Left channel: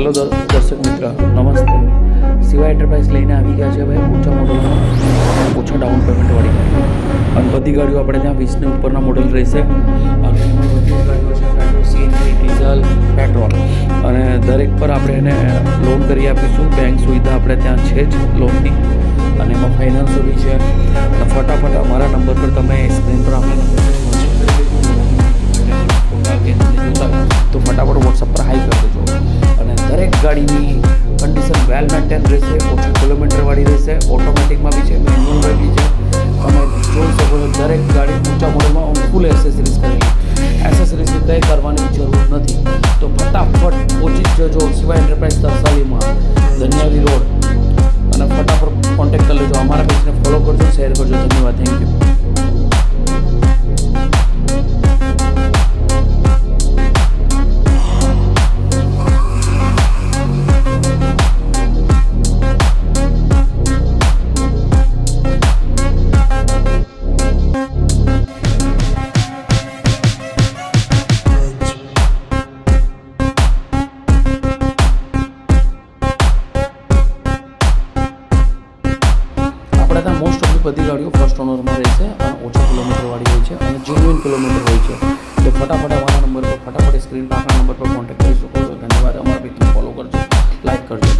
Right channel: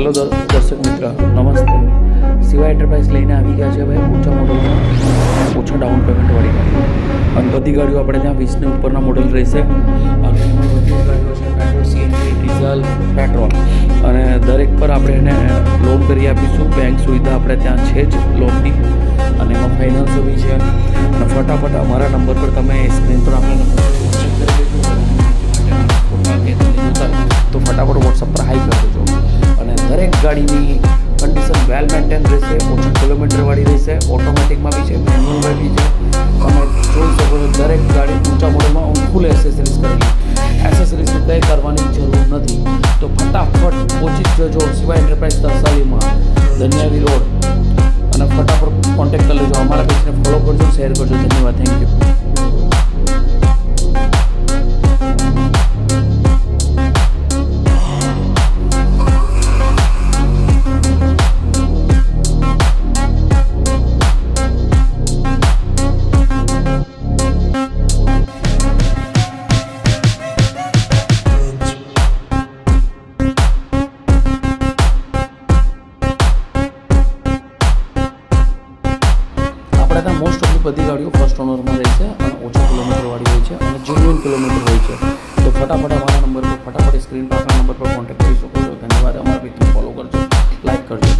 Hello દર્શક મિત્ર, નમસ્તે. સિવાય એન્ટરપ્રાઇઝ લઈને આવી ગયા છે ભાઈ ઓછા મોડલમાં ઓછા ડાઉન પેમેન્ટવાળી ગાડીઓ. અને બધી ગાડીઓ આપણે ત્યાં 20ની ઉપરના મોડલ રહેશે. અને એમાં બધી ગાડીઓ છે પેટ્રોલ, સીએનજી, ડીઝલ, પેટ્રોલ. અને દરેક પર આપણે એને લોન કરી આપીશું. બેંક સુવિધા આપણે ત્યાં છે જ લોનની, અને એમાં ફાઇનાન્સો બી છે. અને ફટાફટ અમારા નંબર પર તમે સ્ક્રીન પર આપણા નંબર પર વોટ્સએપ કરી દેજો. ફોટા કે જોતા તો ફટાફટ વોટ્સઅપ પર હાઈ કરી દેજો. અને દરેક ગાડીની કન્ડિશન વેલ મેન્ટેન રહેશે, ઓછા કિલોમીટરવાળી રહેશે. ઓટોમેટિકમાં બી છે, મેન્યુઅલમાં બી છે. તમે જોઈ શકો છો દરેક ગાડી ઊંચા મોડલમાં ફૂલ એસેસરીઝ કરેલી. એસેસરીઝની કંઈ કરવાની જરૂર નથી. તો ફટાફટ પહોંચી જ જજો સિવાય એન્ટરપ્રાઇઝ તરસાલીમાં, ધન્યાવી રોડ. અને ફટાફટ કોન્ટેક્ટ કરી લેજો. અમારા પેજને ફોલો કરજો, શેર કરજો. ધન્યવાદ, થેન્ક યુ. આપણે ત્યાં મોસ્ટ ઓફલી બધી ગાડીઓ ફર્સ્ટ ઓનરમાં રહેશે અને ઓછા કિલોમીટરવાળી હોય છે અને જેન્યુઇન કિલોમીટર હોય છે. તો ફટાફટ અમારા નંબર પર, ફટાફટ સ્ક્રીન પર આપણા નંબર પર કોન્ટેક્ટ કરી શકો છો. ધન્યવાદ. અમારા પેજને ફોલો કરજો, લાઈક કરજો.